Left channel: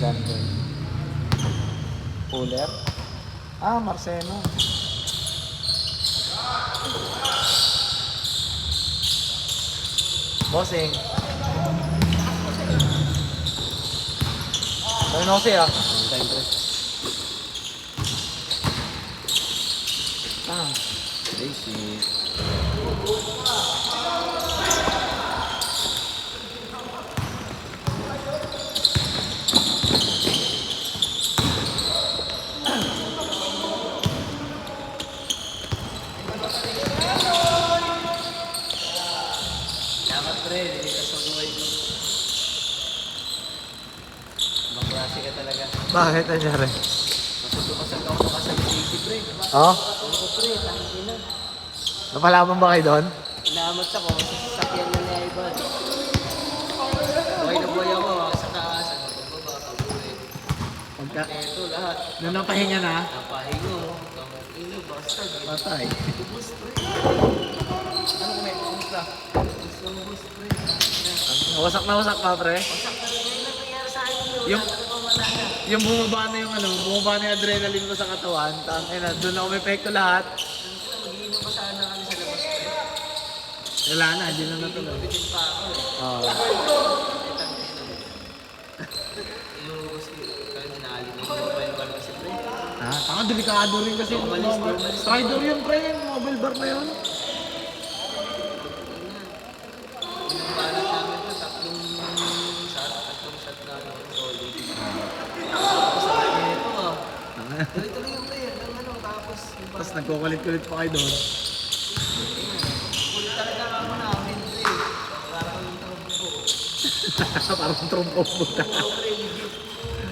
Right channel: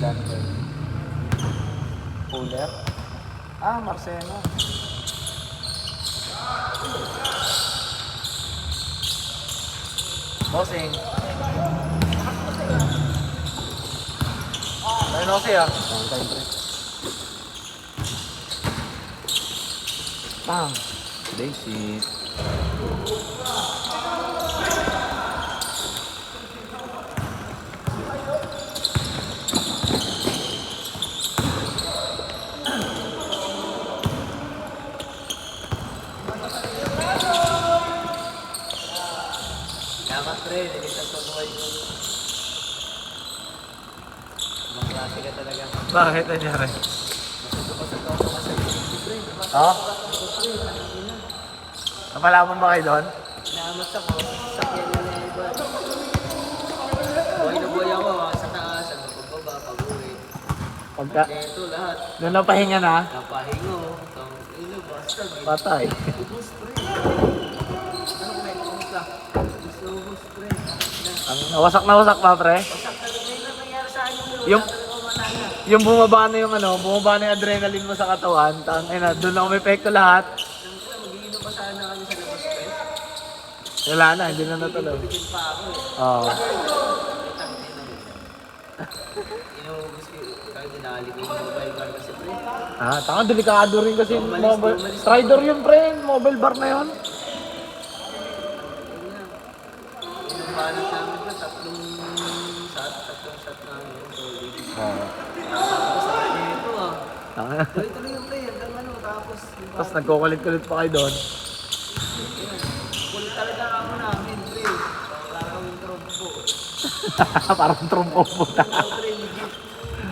Dami. Cooler. Ah, Marcelo. Bossing. Ay, no siya. Ang time pre. Pam. Basic. Dapat pre, hindi ka sunod. Magyasi ka talaga. Bakit nangyari? Pasok ako sa safety pre, diba? Oh? Ako pre, tanong ina. Napalaman ba kayo doon? Naamot ako kasi sasakyan na niya iba. Okay na boy ako, sa taas, ang pagbaba, pag-uwi. Pagka... Eto lahat, Nung napahinga na, napahingo. Ilo, basta. patay. Ubus pre. Ano may ubus ka? Ubus pre. Nawasak na wasak pa, pre. Pasak talaga yung nangyayari sa akin Yung- talagang wala na. Yung bumaba na yung ano, bumaba na yung adrenaline mo sa katawan. Tangina, doon na umepekto lahat. Mag-iinom pa sana kami sa labas pre. Wala na, hindi na natuloy. Bitin pa ako eh. Oo. Inubos ko. Kaya dinali ko yung mobile bar kasi pre. Ah, tanga, delikado rin kasi yung mobile. Strider yun, pre. Mobile bar na yun. Inumanap namin pa, tatlong shot na ano, solid. Oo. Tapos sa kanya ito ah. Tanga. Tuloy-tuloy yung play hanggang ano, tapos yung Tapos nagkukulit-kulit pa kayo doon. kulit talaga ako namin pre. Parang trompo. Parang trumpo puta. Pre, legit.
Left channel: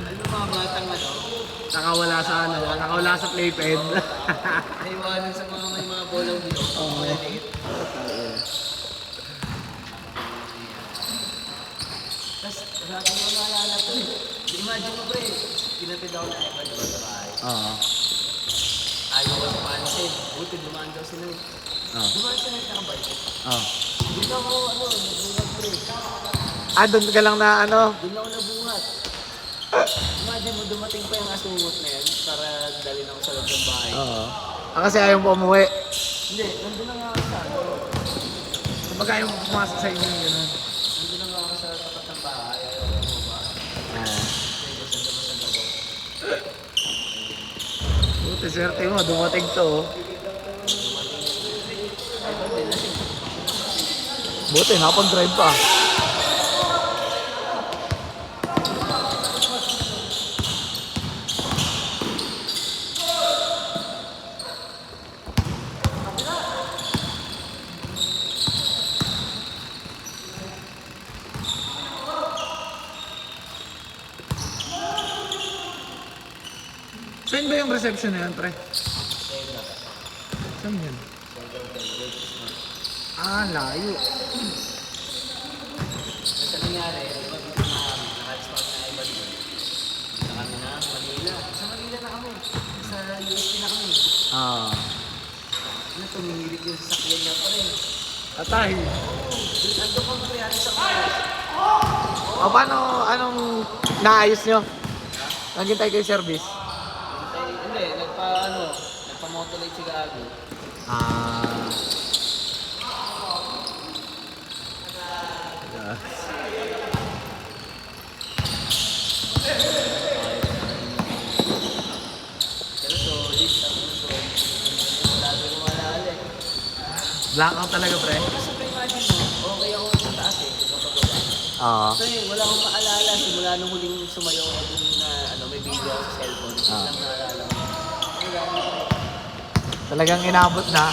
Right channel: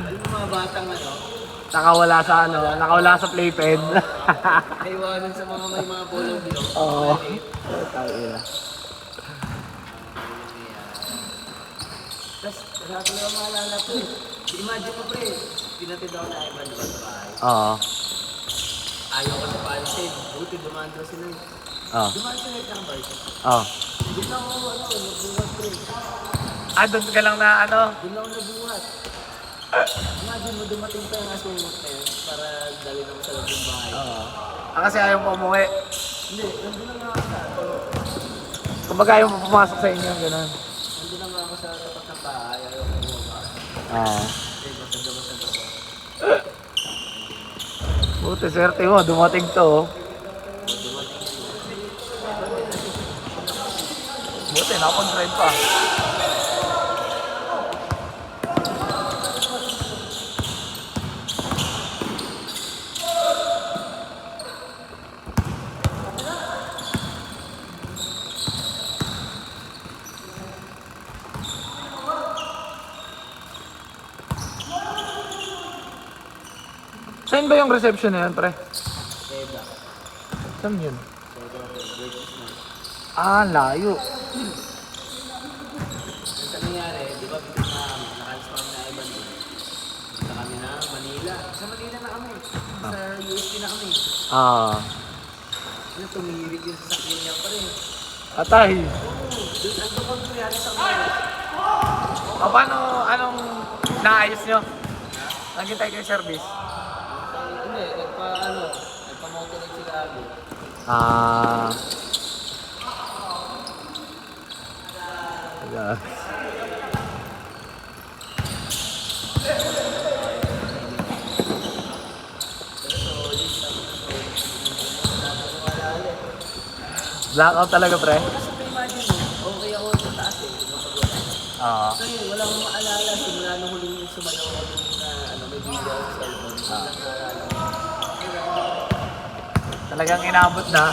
Alam mo mga batang ano, Nakawala sa ano, nakawala sa playpen. naiwanan sa may mga bolong blue. Oo. Tapos, wala ko lang maalala ko eh. Imagine mo pre, pinatid ako na iba diba sa bahay. Oo. Ayaw ko sa pansin. Buti dumaan daw si Noy. Oo. Dumaan si Noy ng bike. Oo. Doon ako ano, nabuhat pre. Ah, doon ka lang na ano. Doon ako nabuhat. Imagine mo dumating pa yung asungot na yun para dalhin ako sa loob ng bahay. Oo. Ah, kasi ayaw mo umuwi. Hindi, nandun na nga ako. Kumbaga ayaw mo pumasok sa inyo, gano'n. Nandun na nga ako sa tapat ng bahay. Ayaw ko mo ba? Oo. Kasi basag-basag ako. Buti, swerte mo, dumating to. Oh. Buti, nakapag-drive pa. Saan ba yung reception na yan, pre? Seda. Saan yun? Seda ako. Versus mo. Ah, layo. Kasi nangyari, di ba bitin na kami, nakalis pa kami na iba doon. Punta kami na Manila. Sa Manila na kami. Sa UST na kami. Ah. Ano, tumihilig yung sasakyan niya pa rin. Atay. Doon, ando ko nangyari sa mga. O, paano, anong naayos nyo? Nandiyan tayo kay service. Hindi, nagpa-motolite si Gabi. Ah. Yeah. Pero solid, sabi ko wala ulit. Blackout talaga, pre. So, imagine mo, okay ako sa taas eh. Oo. So yun, wala akong maalala. Simula nung huling sumayaw ako dun na ano, may video ako sa cellphone. Wala akong maalala. Wala, hindi ko. Talagang inabot na.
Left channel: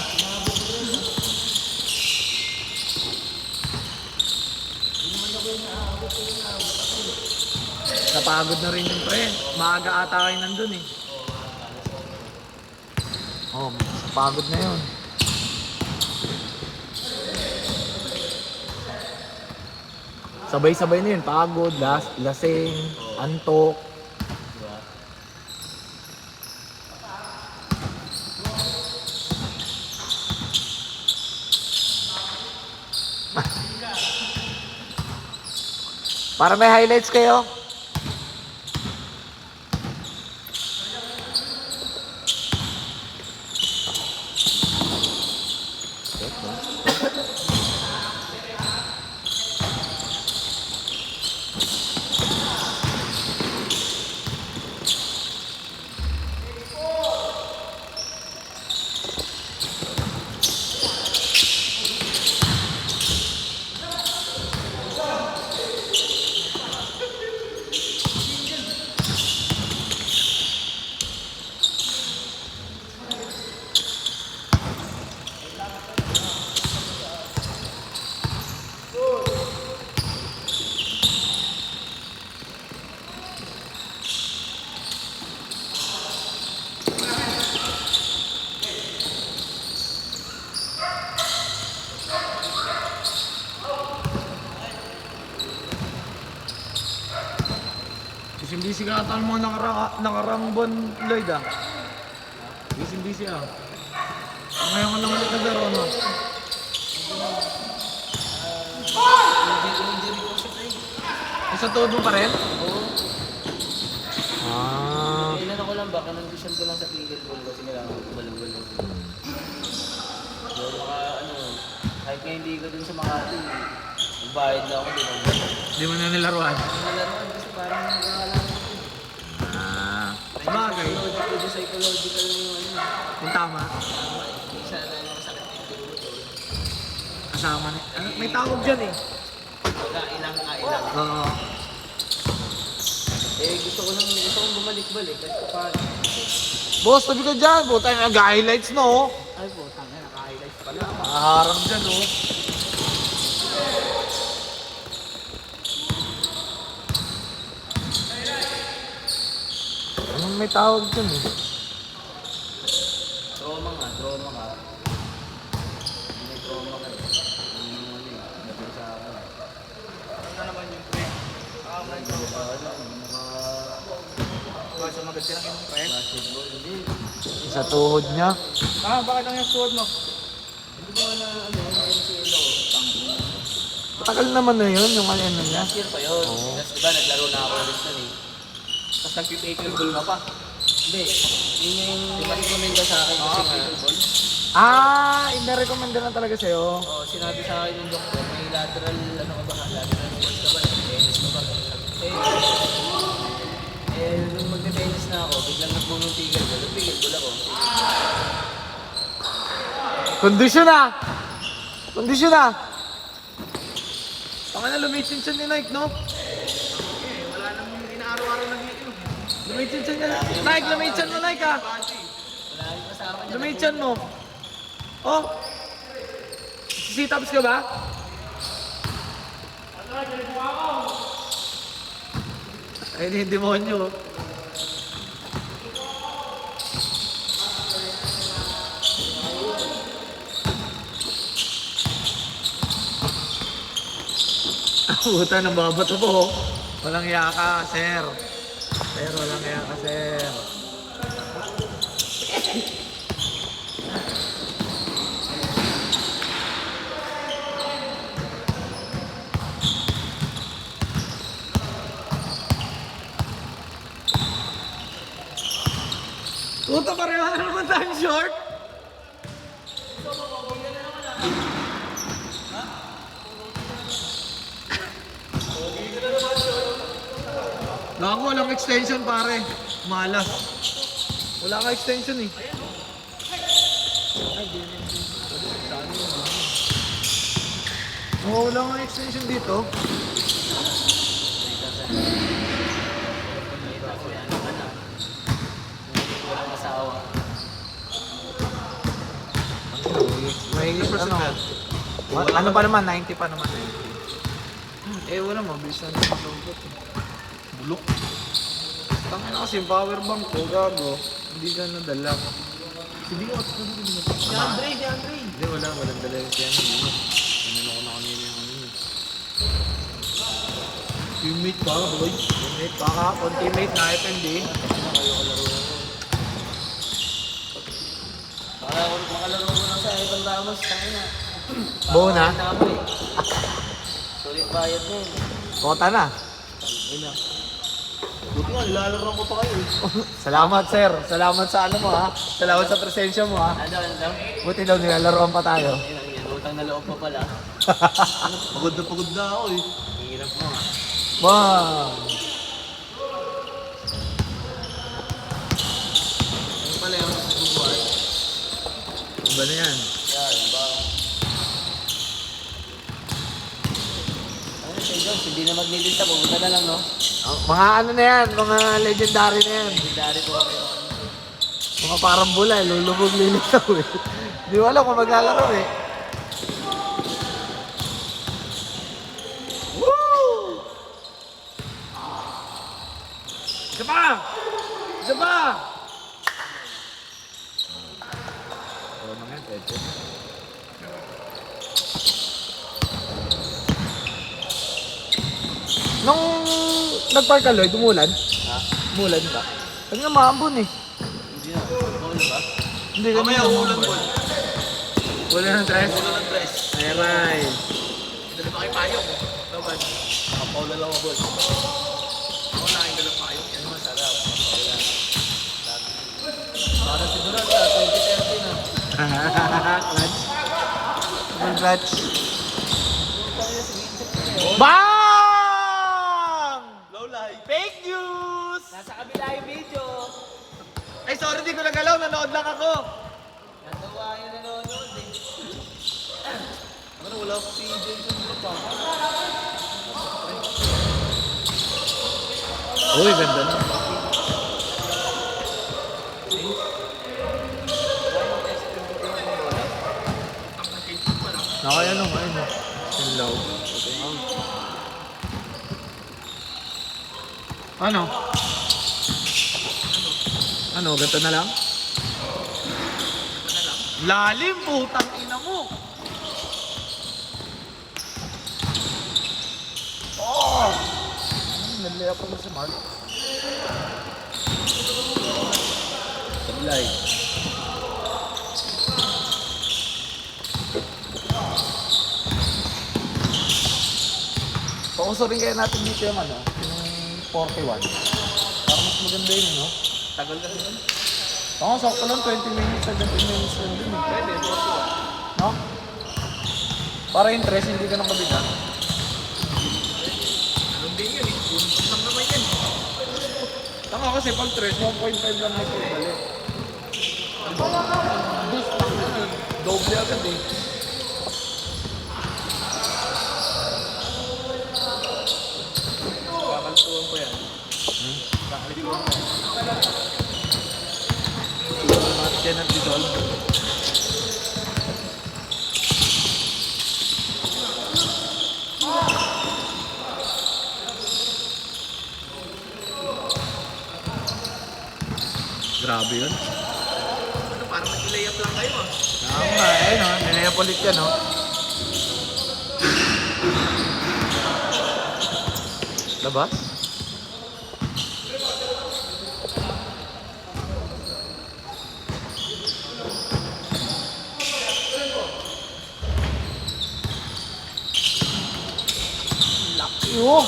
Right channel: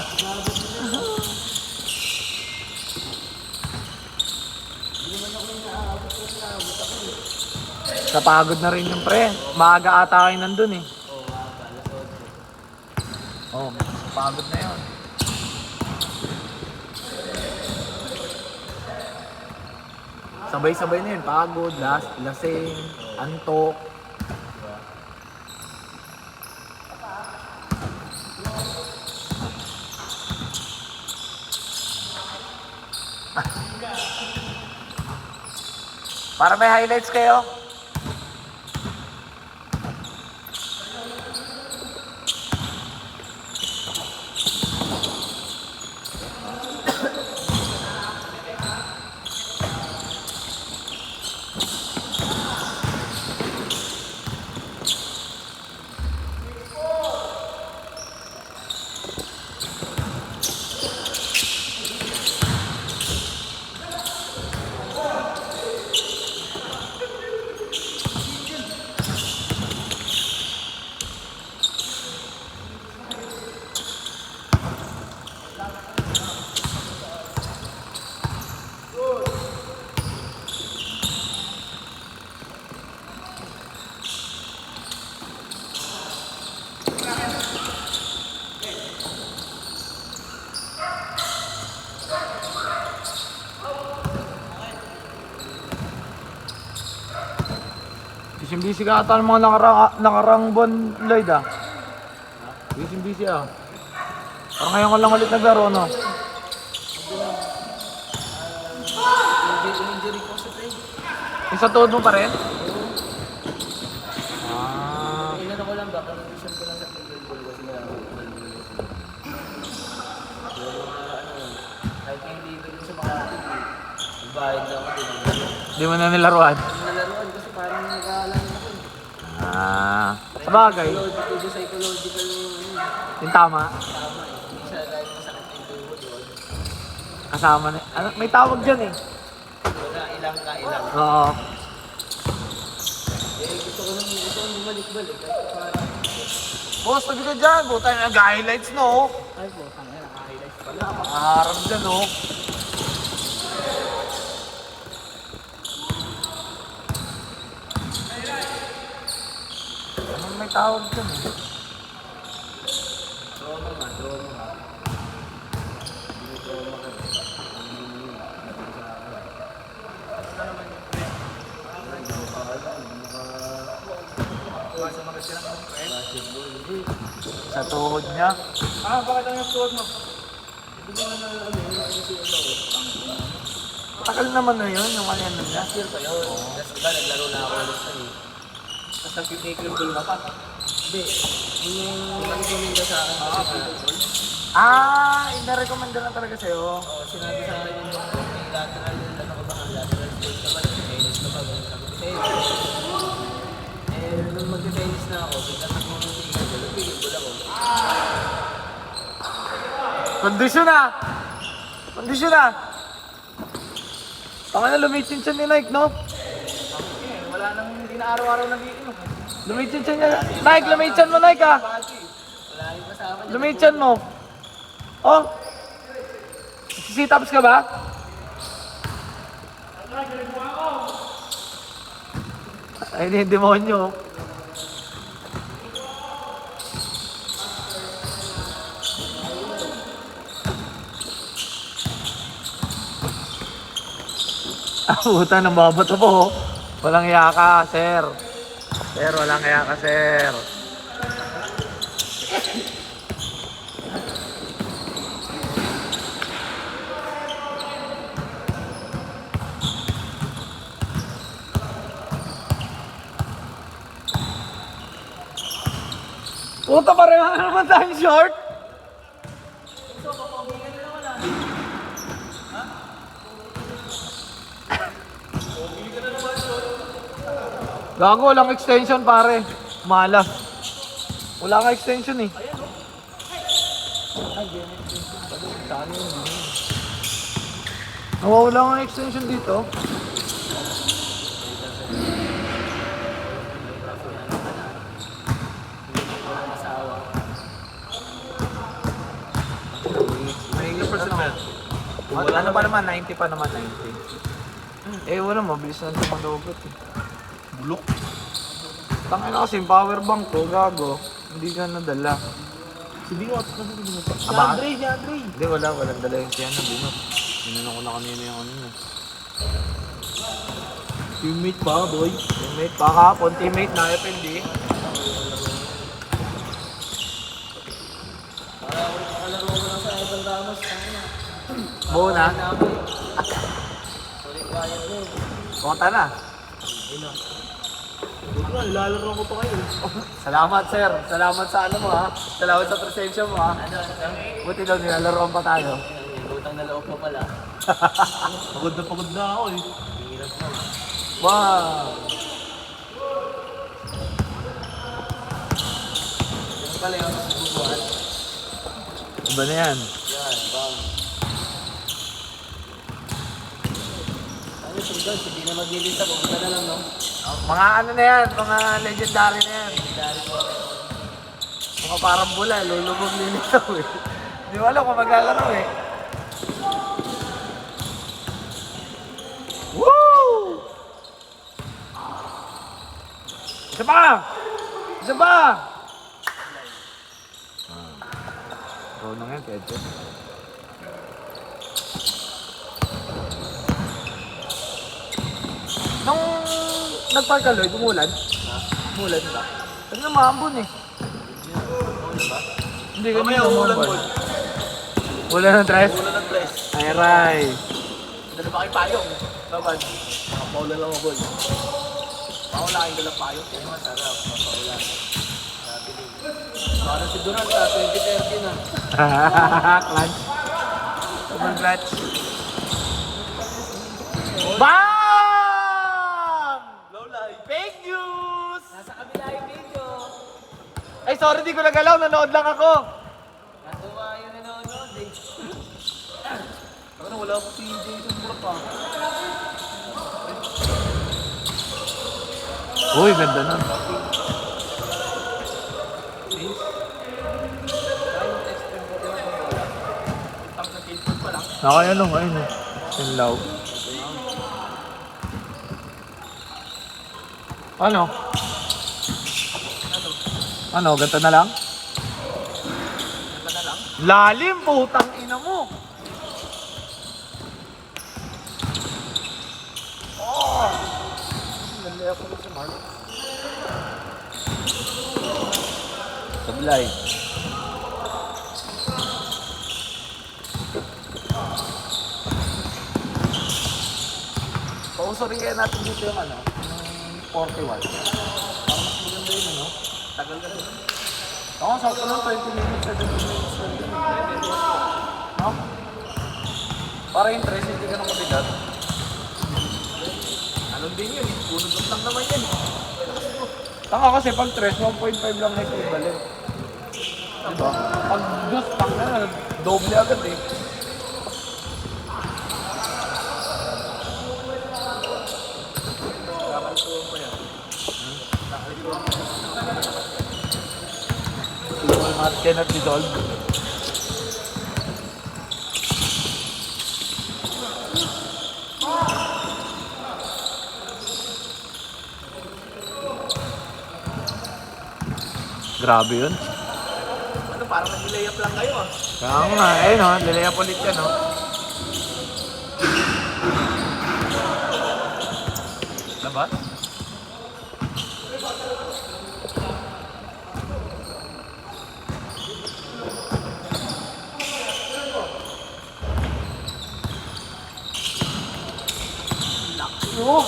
Hindi naman ako yung naabot yung naabot ako. Napagod na rin yung pre. Maaga ata kayo nandun eh. Oh, pagod na yun. Sabay-sabay na yun. Pagod, lasing, antok. Diba? Para may highlights kayo. Busy ka ata ng mga nakarang buwan, Lloyd ah. Busy ah. Parang ngayon ko lang ulit naglaro, no? Injury ko sa tayo. Yung sa tuhod mo pa rin? Kailan ako lang ba? Condition ko lang sa tigil ko kasi marami ko malulog ako. Pero kahit nga hindi ko din sa Makati, nagbayad na ako din. Hindi mo na nilaruan. Nalaruan kasi parang nag-aalala ako. Kabagay. Psychological Yung tama. Isa dahil masakit yung tuhod doon. Kasama na. Ano, may tawag dyan eh. Nailang. Oo. Gusto ko bumalik-balik. Kasi parang, Boss, pwede ka dyan. Buta yung nag-highlights, no? ay po, tangin, naka-highlights pala. Nakaharap dyan, no? Ano may tawag dyan eh? Trauma ka. Hindi may trauma ka. Nabili sa akin. Ano naman yun? Sumunod silang yung friend? Basketball, hindi. Sa tuhod niya. Bakit ang yung suot mo? Hindi ko naman Tagal naman na yun, yung ano niya. last year pa yun. Tapos diba, naglaro na ako ulit na eh. Tapos nag-take your ball pa. Hindi. Yun yung recommenda sa akin kasi ball. Ina-recommenda na talaga sa'yo. Oo, sinabi sa akin yung doktor, may lateral, ano ka ba, lateral sports ka ba, tennis ka ba, nung mag-tennis na ako, biglang nagpunong tigil ko, lupigil ko lang ako. Kondisyon na! Baka na lumichin-chin ni Nike, no? Wala nang hindi na araw-araw na dito. Lumichin-chin niya. Nike, lumichin mo, Nike, ah! Wala nang kasama niya. Lumichin mo. Oh! Sit-ups ka ba? Ay, hindi demonyo. Puta, nababato po. Walang iya ka, sir. Sir, walang iya ka, sir. Puta, pareho naman tayo short. Gago, walang extension pare. Malas. Wala ka extension eh. Oo, wala nga extension dito. May ilang percent na? Wala na pa naman, 90 pa naman. 90. Eh wala, mabilis na naman lobot eh. Bulok. Tangin na kasi yung power bank ko, gago. Hindi ka nadala. Hindi ko ako. Si Andre. Hindi, walang dala yung kaya. Hindi na kanina yung ano na. Teammate pa, boy. Teammate pa kapon. Teammate na FND. Nakalaro ko na sa Evan Ramos, kanina. Buo na? Sulit bayad mo. Mota na. Ina. Huwag nga, nilalaro ko pa kayo. Salamat, sir. Salamat sa ano mo, ha? Salamat sa presensya mo, ha? Ano? Buti daw nilalaroan pa tayo. Yan, utang na loob pa pala. Pagod na ako, eh. Hirap naman. Wow! Ano pala yung buwan? Iba na yan. Yan, bang. Ano siya dyan? Hindi na maglilista, pumunta na lang, no? Mga ano na yan, mga legendary na yan. Dari po ako. Mga parang bulan, lulubog-lilitaw, eh. Di ko alam kung maglalaro, eh. Woo! Isa pa! Isa pa! Oh, man, kaya nung nagpark ka, Lloyd, umulan? Umulan ba? Huwag nga maambon eh. Hindi na. Hindi ka Mamaya umulan po. Ulan ng tres? Ay, Ray. Dala pa kayo payong. Tawag. Paulan lang ako. Ako na kayong dala payong. Yan masarap. Paulan. Sabi din. Para si Durant 2030 na. Clutch. Double clutch. BAM! Low life. Fake news! Nasa kabila yung video. Ay, sorry, di ko nagalaw. Nanood lang ako. Natuwa yung nanonood eh. Ano, wala ko PJ. Uy, ganda na. Ako yan nung ayun. Sinlaw. Ano? Ano, ganito na lang? Lalim, putang ina mo. Oh! Nalaya pa sa mark. Sablay. Pauso rin kaya natin dito yung ano, yung 41. Parang mas maganda yun, no? Tagal na din. Oo, sakto lang, 20 minutes na 20 minutes lang yun. No? Para yung tres, hindi ka nang mabigat. Anong din yun eh? Punod lang naman yan. Tanga kasi pag tres, 1.5 lang may sumali. Pag dos, pang na, doble agad eh. Market na dissolve. Grabe yun. Ano, parang nag-layup lang kayo ah. Kaya nga, ayun ha, nilayap ulit yan oh. Labas? Oh!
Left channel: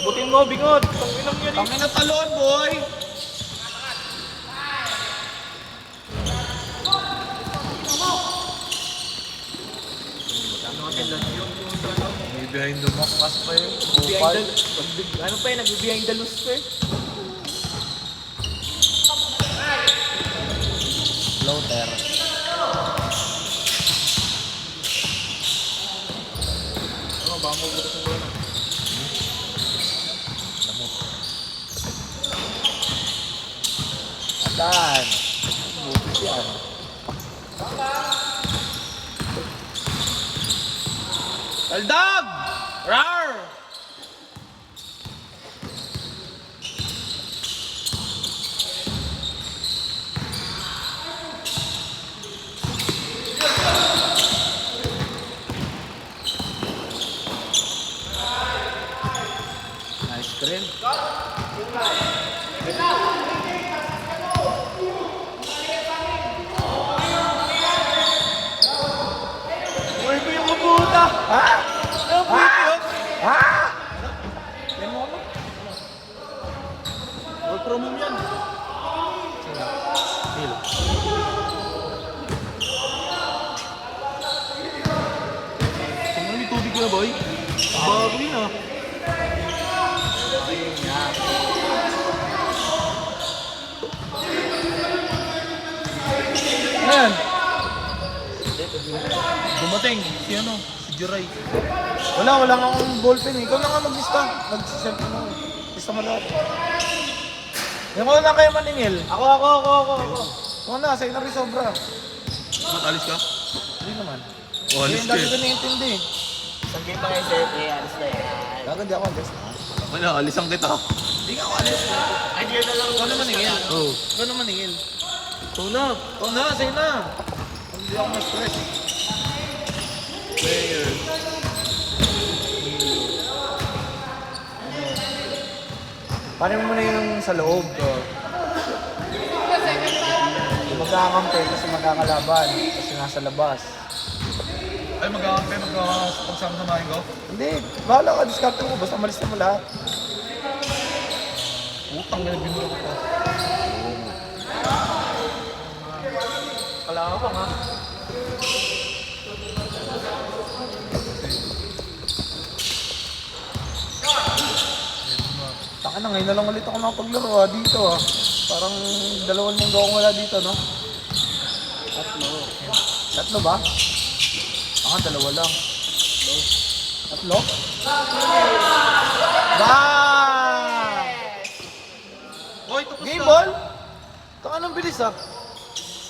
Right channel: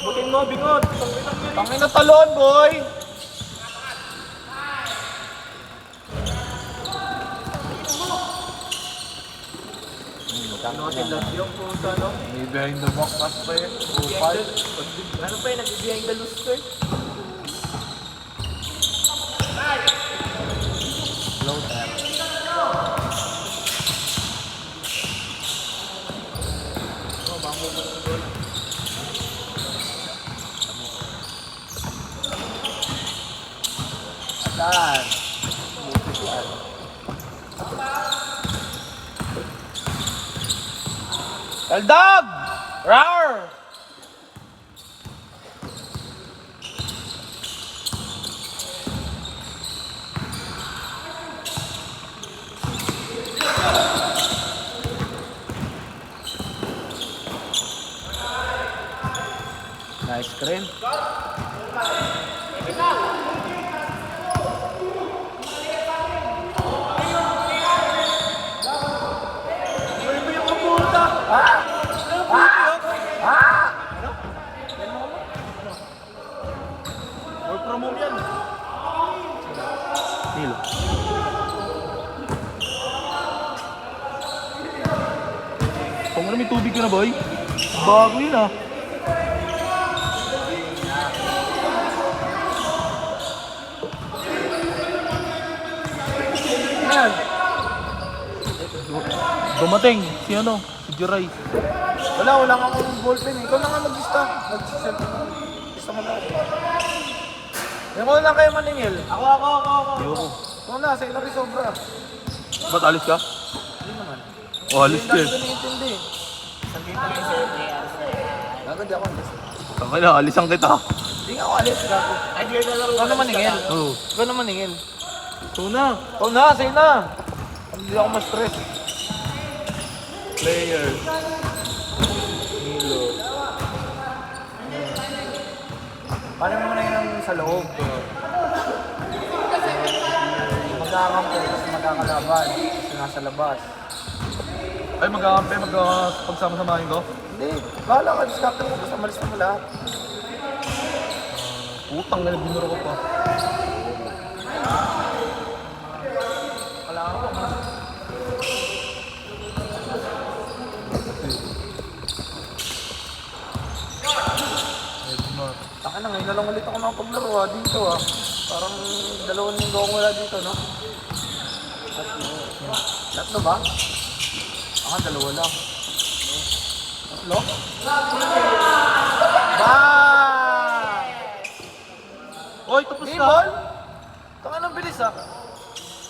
Abutin mo, bigod. Tangin na talon, boy! Ano kasi lang yung puta, no? May behind the back pass pa yun. Behind the... Ano pa yun? Nag-behind the loose pa eh. Long term. Saan? Buti yan. Aldog! Rar! Nice screen. na, boy. Bago yun, ah. Yan. Dumating. Si ano? Si Jiray. Wala kang ballpen eh. Ikaw na nga mag-lista. Mag-set. Lista mo lang. Yung ko na kayo maningil. Ako. Mga na, sa'yo na rin sobra. Ba't alis ka? Hindi naman. Oh, alis ka Hindi eh. ko naiintindi. Sabi ko yung sir, kaya Dapat hindi ako alis. Tama na, alisan kita. Hindi nga ako alis. ay, di na laro Ikaw naman ningil. Oo. Ikaw naman ningil. Ito na. Ikaw na, sa'yo na. Hindi ako ma-stress eh. Player. Paano mo muna yung sa loob ko? Magkakampi kasi magkakalaban kasi nasa labas. Ay, pagsama-samahin ko? Hindi, bahala ka, discount mo. Basta malis mo lahat. Utang na binuro ko pa. Kala ka nga. Taka na, ngayon na lang ulit ako nakapaglaro dito Parang 2 linggo akong wala dito, no? Tatlo ba? Aha, 2 lang. Tatlo? Hoy, tapos Game na. ball? Taka nang bilis